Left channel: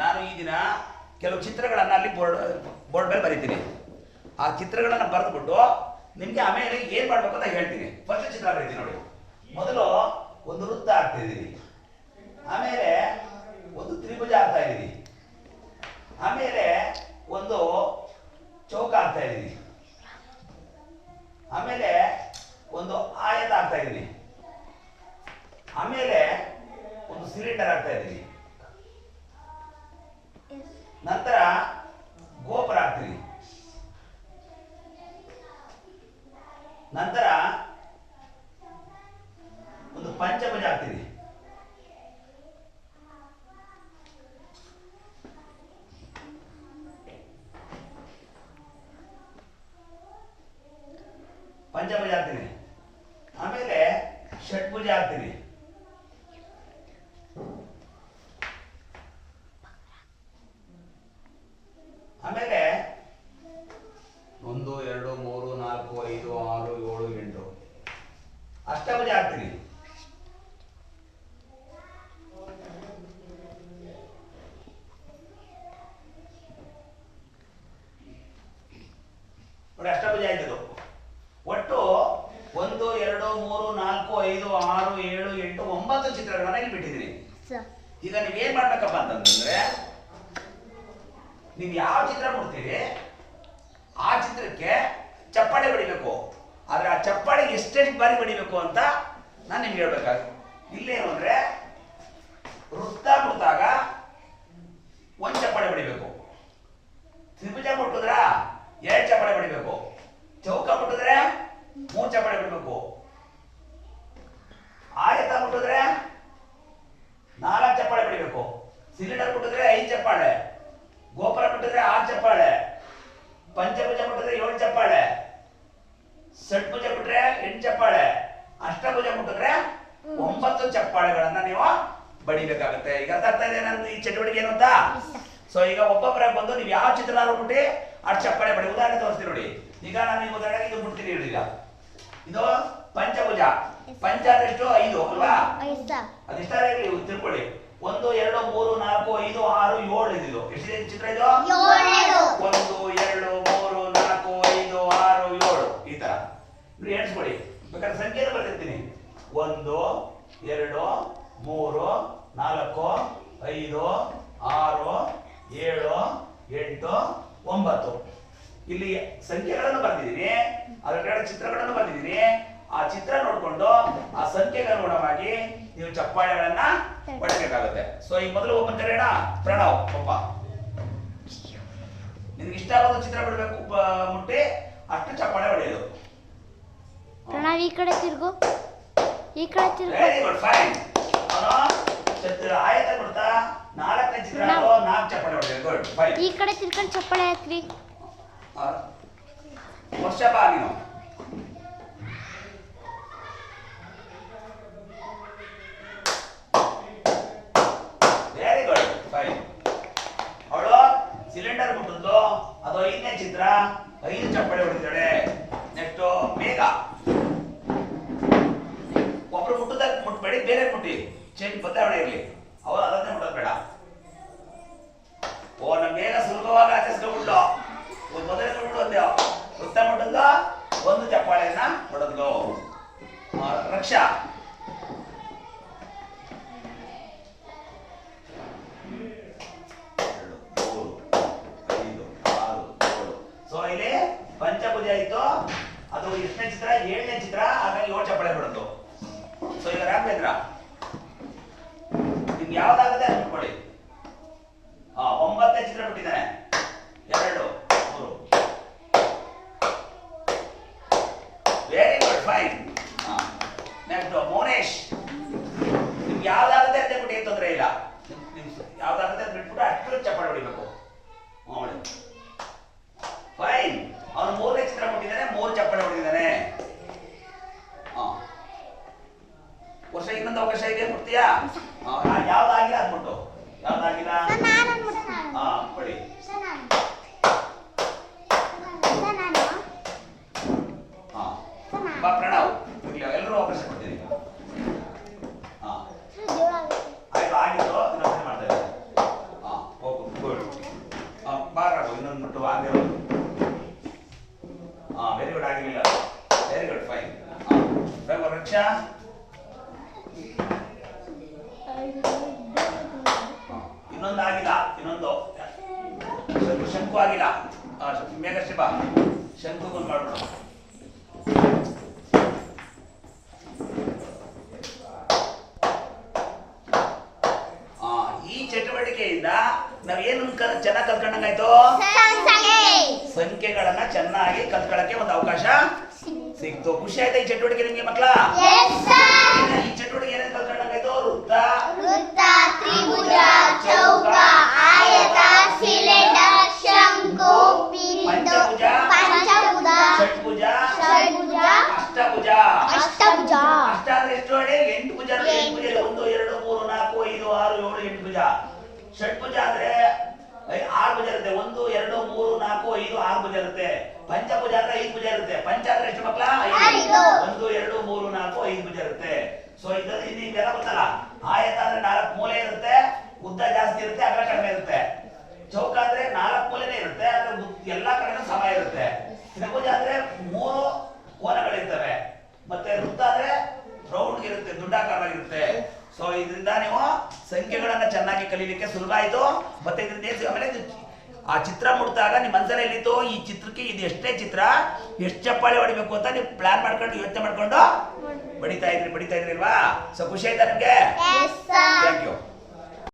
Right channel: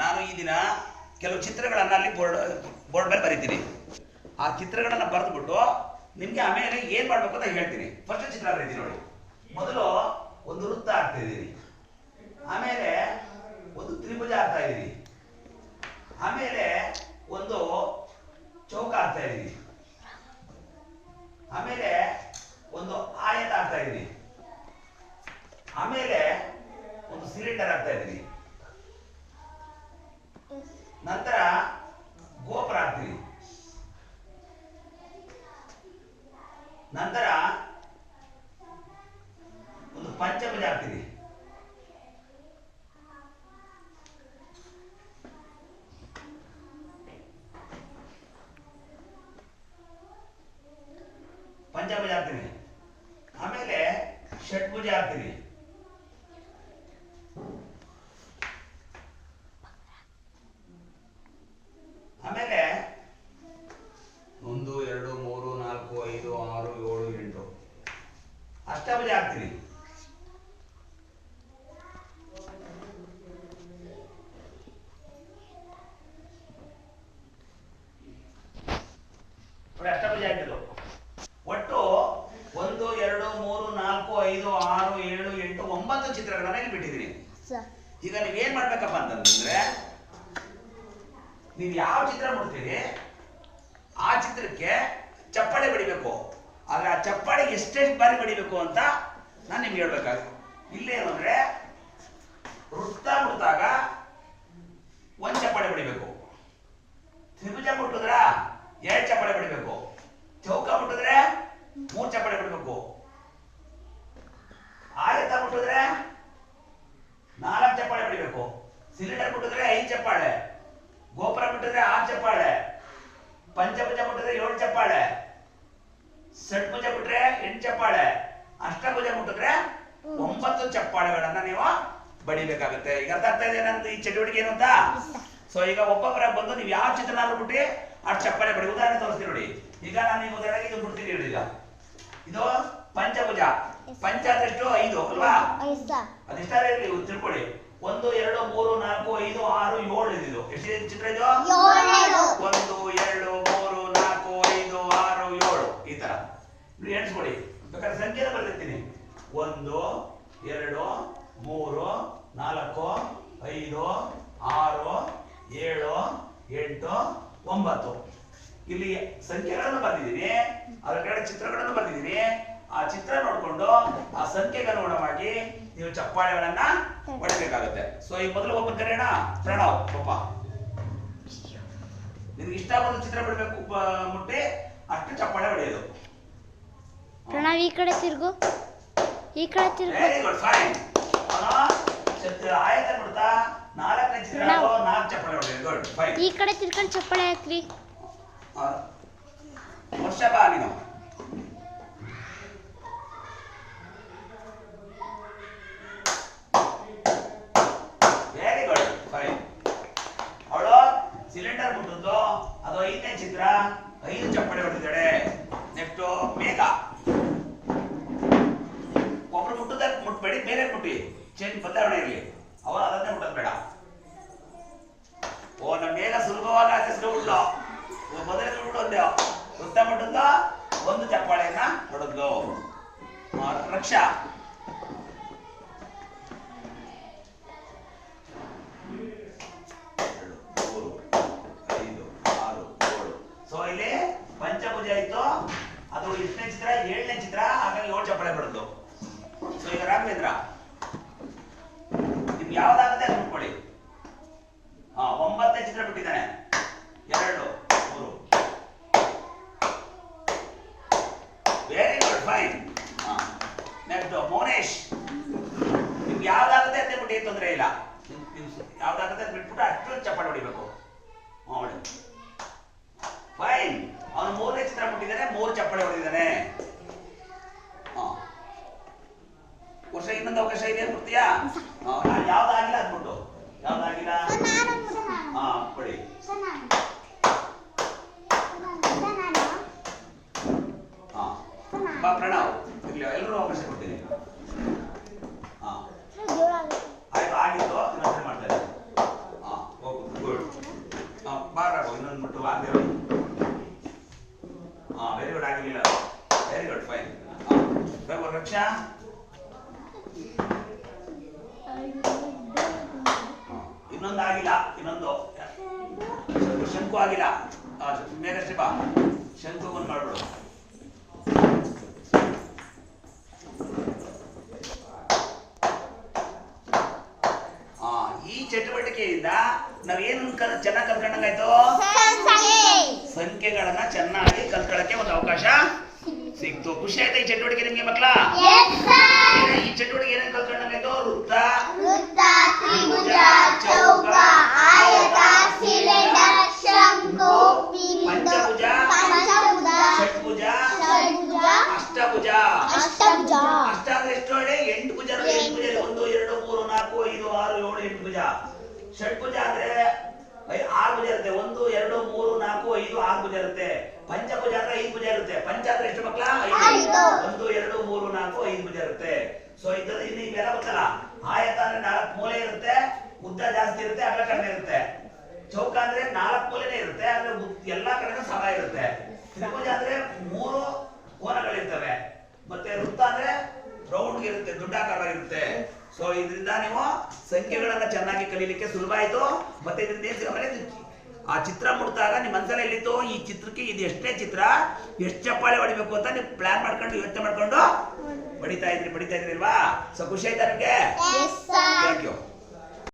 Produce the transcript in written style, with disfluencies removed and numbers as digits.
ನಾನು ಈ ದಿನ ಕೆಲವು ಚಿತ್ರಗಳನ್ನು ಅಲ್ಲಿ ಬೋರ್ಡ್ ಮೇಲೆ ಬರೀತೀನಿ. ಆ ಚಿತ್ರಗಳನ್ನು ಬರೆದ್ಬಿಟ್ಟು ನಿಮಗೆ ಆಮೇಲೆ ಏನು ಮಾಡಬೇಕು ಅಂತ ಹೇಳ್ತೀನಿ. ಫಸ್ಟ್ ಚಿತ್ರ ಬರೀತೀನಿ ನೋಡಿ. ಮೊದಲು ಒಂದು ವೃತ್ತ ಹಾಕ್ತಾ ಇದ್ದೀನಿ, ಆಮೇಲೆ ಒಂದು ತ್ರಿಭುಜ ಹಾಕ್ತಾ ಇದ್ದೀನಿ, ಆಮೇಲೆ ಒಂದು ಚೌಕ ಹಾಕ್ತಾ ಇದ್ದೀನಿ, ಆಮೇಲೆ ಒಂದು ಆಯತ ಹಾಕ್ತಾ ಇದ್ದೀನಿ, ಆಮೇಲೆ ಒಂದು ಸಿಲಿಂಡರ್ ಹಾಕ್ತಾ ಇದ್ದೀನಿ, ನಂತರ ಗೋಪುರ ಹಾಕ್ತೀನಿ, ನಂತರ ಒಂದು ಪಂಚಭುಜ ಹಾಕ್ತೀನಿ, ಆಮೇಲೆ ಷಟ್ಭುಜ ಹಾಕ್ತೀನಿ, ಆಮೇಲೆ 1 2 3 4 5 6 7 8 ಅಷ್ಟಭುಜ ಹಾಕ್ತೀನಿ, ನೋಡಿ ಅಷ್ಟಭುಜ ಆಯ್ತದು. ಒಟ್ಟು 1 2 3 4 5 6 7 8 9 ಚಿತ್ರಗಳನ್ನ ಇಲ್ಲಿ ಬಿಟ್ಟಿದ್ದೀನಿ. ಈಗ ನೀವು ಏನ್ ಮಾಡ್ಬೇಕಪ್ಪ ಅಂತಂದ್ರೆ, ನೀವು ಯಾವ ಚಿತ್ರ ನೋಡ್ತೀರಿ ಆ ಚಿತ್ರಕ್ಕೆ ಚಪ್ಪಾಳೆ ಬಡಿಬೇಕು. ಆದ್ರೆ ಆ ಚಪ್ಪಾಳೆ ಎಷ್ಟೆಷ್ಟು ಬಾರಿ ಬಡಿಬೇಕು ಅಂತ ನಾನು ನಿಮ್ಗೆ ಹೇಳ್ಬೇಕಾಗುತ್ತೆ. ಇಲ್ಲೇನು ಅಂದ್ರೆ ವೃತ್ತ ಮುಟ್ಟಾಗ ಒಂದು ಚಪ್ಪಾಳೆ ಬಡಿಬೇಕು, ತ್ರಿಭುಜ ಮುಟ್ಟಿದ್ರ 2 ಚಪ್ಪಾಳೆ ಬಡಿಬೇಕು, ಚೌಕ ಮುಟ್ಟಿದ್ರೆ 3 ಚಪ್ಪಾಳೆ ಬಡಿಬೇಕು, ಆಯತ ಮುಟ್ಟಿದ್ರೆ 4 ಚಪ್ಪಾಳೆ ಬಡಿಬೇಕು, ಸಿಲಿಂಡರ್ ಮುಟ್ಟಿದ್ರೆ 5 ಚಪ್ಪಾಳೆ, ಗೋಪುರ ಮುಟ್ಟಿದ್ರೆ 6 ಚಪ್ಪಾಳೆ, ಪಂಚಭುಜ ಮುಟ್ಟಿದ್ರೆ 7 ಚಪ್ಪಾಳೆ, ಷಟ್ಭುಜ ಮುಟ್ಟಿದ್ರೆ 8 ಚಪ್ಪಾಳೆ, ಅಷ್ಟಭುಜ ಮುಟ್ಟಿದ್ರೆ 9 ಚಪ್ಪಾಳೆಗಳನ್ನ ನೀವು ಬಡಿಬೇಕಾಗುತ್ತೆ. ಈಗ ಅರ್ಥ ಆಗ್ತಾ ಇದೆ ನನ್ನ ಈ ಚಟುವಟಿಕೆ ಏನು ಅಂತ? ಸೊ ಈಗ ಒಬ್ಬೊಬ್ಬರಾಗಿ ಬಂದು ನೀವು ಯಾವ ಚಿತ್ರ ಬಿಟ್ಟು ಅಷ್ಟು ಚಪ್ಪಾಳೆ ಬಡಿ. ಉದಾಹರಣೆ ತೋರಿಸ್ತೀನಿ ನೋಡಿ. ಈಗ ನಾನು ಈ ಉದಾಹರಣೆಗೆ ಇದು ಬಿಡ್ತೀನಿ ನೋಡಿ. ಈಗ ಇದು ಪಂಚಭುಜ. ಪಂಚ ಅಂದ್ರೆ ಎಷ್ಟು? 5 ಅಲ್ವಾ? ಅದಿಷ್ಟ ತಿಳ್ಕೊಳ್ಳಿ. 1 2 3 4 5 6 7 ಇದು ಎಷ್ಟಿದೆ ಚಿತ್ರ? ಇದು 1 2 3 4 5 6 7 ಈ ತರ ನೀವು ಎಣಿಸ್ಕೊಳ್ಳಿ. ಬೇಕಾದ್ರೆ ಸಂಖ್ಯೆ ಬರ್ತಿರ್ತೀನಿ. 1 2 3 4 5 6 7 8 9 ಇಲ್ಲಿ ಸಂಖ್ಯೆಗಳನ್ನು ಬರ್ತಿದ್ದೀನಿ, ಅದರ ಕಡೆ ಚಿತ್ರಗಳನ್ನು ಬರ್ತಿದ್ದೀನಿ. ಆ ಚಿತ್ರ ನೋಡ್ಕೊಂಡು ಆ ಸಂಖ್ಯೆಗೆ ಅನುಗುಣವಾಗಿ ನೀವು ಚಪ್ಪಾಳೆಗಳನ್ನ ಹೊಡಬೇಕಾಗುತ್ತೆ. ಸೊ ಈಗ ಮೊದಲು ಒಬ್ಬ ಕರೆಯೋಣ. ಪ್ರಣವ್ ಪಾಪ, ನಿನ್ಗೆ ಇಷ್ಟ ಆಗೋದು ಚಿತ್ರ ಬಿಡಬೇಕು, ಮುಟ್ಟಿ ಅಷ್ಟು ಚಪ್ಪಾಳೆ ಹೊಡೆಯೋದು. ಪ್ರಣವ್ ಈ ಕಡೆ ತಿರುಗು, ಈ ಕಡೆ ತಿರುಗು. Very good, fine. ಆಯತ ಕೊಡ್ತಾ 4 ಚಿತ್ರ 4 ಚಪ್ಪಾಳೆ ಹೊಡೆಯೋದು. Good, fine. ಈ ಕಡೆ ತಿರ್ಕೊಂಡು ಚಪ್ಪಾಳೆ ಹಾಕ್ರಿ. ವರ್ಷ ಬಾ ನೀನು. Very good, fine. ಅವಳು ಸಿಲಿಂಡರ್ ಮುಟ್ಟಿದ್ದು ಅದು 5ನೇ ಚಿತ್ರ, 5 ಚಪ್ಪಾಳೆ ಹೊಡೆದಿದ್ದಾಳೆ. ನೆಕ್ಸ್ಟ್ ಮೇಘ. ಒಬ್ರು ಮುಟ್ಟದಾಗ ಮುಟ್ಬೇಡಿ, ಬೇರೆ ಮುಟ್ಟಿ ಚೇಂಜ್ ಬದಲಾವಣೆ ಇರಲಿ. ಅವರು ಅದನ್ನೇ ಮುಟ್ಟೋದು ಬೇಡ. ಓ ನಮ್ಮ ಮೇಘ ಸುಲಭವಾಗಿ ಆಚರಿಸ್ಕೊಂಡ್ಬಿಟ್ಟು ಮೊದಲೇ ಮುಟ್ಟೋದು ವೃತ್ತ ಮುಟ್ಟದ್ದು 1 ಚಪ್ಪಾಳೆಯನ್ನ ಹೊಡೆದ್ಲು. ರಕ್ಷಾ. ಸೊ ಇಲ್ಲಿ ಪಂಚಭುಜ ಇತ್ತು, ಅದು 8ನೇ ಚಿತ್ರ 7ನೇ ಚಿತ್ರ, ಹಾಗಾಗಿ 7 ಚಪ್ಪಾಳೆ ಬಿಡೋದು. ಸೊ ಈಗ ರಾಘವೇಂದ್ರ, ನಿಮ್ಗೆ ಯಾವ್ದಾಗುತ್ತೆ ಅದು ನೋಡ್ಕೊಳ್ಳಿ. 9ನೇ ಚಿತ್ರ ಬಿಟ್ಟಿದ್ದಾನೆ. 2 3 very good, fine. Next Mounesh, ನಿಮ್ಗೆ ಯಾವ್ದಾಗುತ್ತೆ ಅಂತ ಬಿಟ್ಟು ಏನು ತೊಂದರೆ ಇಲ್ಲ. ಯಾವ್ದಾಗುತ್ತೆ ಅಂತ ಬಿಟ್ಬಿಟ್ಟು ಅಷ್ಟು ಚಪ್ಪಾಳೆ ಹೊಡಿಬೇಕು. ಫೈನ್. ಅವನು 3ನೇ ಚಿತ್ರ ಬಿಟ್ಟಿದ್ದಾನೆ, 3 ಚಪ್ಪಾಳೆ ಹೊಡೆದಿದ್ದಾನೆ. ವರ್ಷ ಇನ್ನೊಂದು ಅವಕಾಶ ಇದೆ, ಬಿಡ್ತೀಯಾ? ಯಾವ್ದಾಗಿಲ್ಲ ಅದ್ಬಿಟ್ಟು, ಯಾವ್ದಾಗಿಲ್ಲ ಕೊಡಿ. ಬಾ ಪ್ರಣವ್, ಎಲ್ಲರೂ ಅವಕಾಶ ಕೊಡ್ತೀನಿ. ಆಯ್ತು, ಆಗಿತ್ತು, ಇನ್ನೊಂದ್ಸರಿ ಮಾಡ್ತಾ ಇದ್ದೀನಿ. ಇನ್ನೊಂದು ಆಗಿಲ್ಲ, ಇನ್ನೊಂದು ಶಂಕು ಆಗಿಲ್ಲ. ಮೇಘಶ್ರೀ ಬಾ, ಶಂಕು ಬಂದು ಮಾಡ್ಬಿಡು. ಈ ಚಟುವಟಿಕೆಯಿಂದ ನಾವೇನು ಚೆನ್ನಾಗಿ ಕಲ್ತ್ಕೊಂಡಂಗಾಯ್ತು? ಸಂಖ್ಯೆಗಳನ್ನ ಚೆನ್ನಾಗಿ ಕಲ್ತ್ಕೊಳ್ಳಕ್ಕೆ ಒಂದು ಅವಕಾಶ ಸಿಕ್ತು. ಖುಷಿ ಆಯ್ತಾ ಈ ಚಟುವಟಿಕೆ ನಿಮ್ಗೆ ಮಕ್ಕಳ? ಈ ಚಟುವಟಿಕೆ ಏನೇನು ಕಲ್ತ್ಕೊಂಡಂಗಾಯ್ತು? ವೃತ್ತ, ತ್ರಿಭುಜ, ಚೌಕ, ಆಯತ, ಸಿಲಿಂಡರ್, ಶಂಕು, ಪಂಚಭುಜ, ಪಂಚಭುಜ, ಷಡ್ಭುಜ, ಅಷ್ಟಭುಜ. ಅಷ್ಟಭುಜ. ಅಷ್ಟ ಅಂದ್ರೆ ಎಷ್ಟು ಹೇಳಿ? 8 ಭುಜ. 8 ಭುಜ 1 2 3 4 5 6 7 8 ಭುಜ. ಷಡ್ಭುಜ ಅಂದ್ರೆ 6 ಭುಜ ಇರುತ್ತೆ. 1 2 3 4 5 6 ಭುಜ ಇರುತ್ತೆ. ಪಂಚಭುಜ ಅಂದ್ರೆ 5 ಭುಜ ಇರುತ್ತೆ. ಪಂಚ ಅಂದ್ರೆ ಎಷ್ಟು ಮಕ್ಕಳ? 5. 1 2 3 4 5 ಭುಜ ಇರುತ್ತೆ. ಸೊ ಇದ್ರಲ್ಲಿ ಇನ್ನೆಲ್ಲ ಗೊತ್ತಲ್ಲ. ಆಯತ ಅಂದ್ರೆ 4 ಮೂಲೆ ಇರುತ್ತೆ, ಉದ್ದ ಜಾಸ್ತಿ ಇರುತ್ತೆ, ಅಗಲ ಕಡಿಮೆ ಇರುತ್ತೆ. ಚೌಕ ಅಂದ್ರೆ 4 ಮೂಲೆನೇ ಇರುತ್ತೆ, ಆದ್ರೆ ಎಲ್ಲಾ ಕಡೆನೂ ಸಮ ಇರುತ್ತೆ. ತ್ರಿಭುಜ ಅಂದ್ರೆ 3 ಕೋನಗಳಿರ್ತವೆ. ಮತ್ತೆ ವೃತ್ತ ಅಂದ್ರೆ ರೌಂಡ್ ಇರುತ್ತೆ, ದುಡ್ಡಾಕಾರವಾಗಿರುತ್ತೆ. ಸೊ ಇದರಿಂದ ನೀವು ಸಂಖ್ಯೆಗಳನ್ನ ಚೆನ್ನಾಗಿ ಕಲೀಲಿಕ್ಕೆ ಸುಲಭ ಆಯ್ತು. ಮತ್ತೆ ಇದರಿಂದ ಆಮೇಲೆ ಆ ಚಿತ್ರ ಮುಟ್ಟಾಗ ನಿಮ್ಮ ಮನಸ್ಸಲ್ಲಿ ಎಲ್ಲಿತ್ತು, ಈ ಚಿತ್ರಕ್ಕೆ ಇದು ಎಷ್ಟೇ ಚಿತ್ರ, ಎಷ್ಟು ಚಪ್ಪಾಳೆ ಹೊಡಿಬೇಕು ಅಂತ ನೀವು ಪ್ಲಾನ್ ಮಾಡ್ಕೊಂಡು ಯೋಚನೆ ಮಾಡ್ಕೊಂಡು ಬಡಿತಾ ಇದ್ರಿ ಅಲ್ವಾ? ಸೊ ಖುಷಿ ಆಯ್ತಾ ನಿಮ್ಗೆ? Thank you.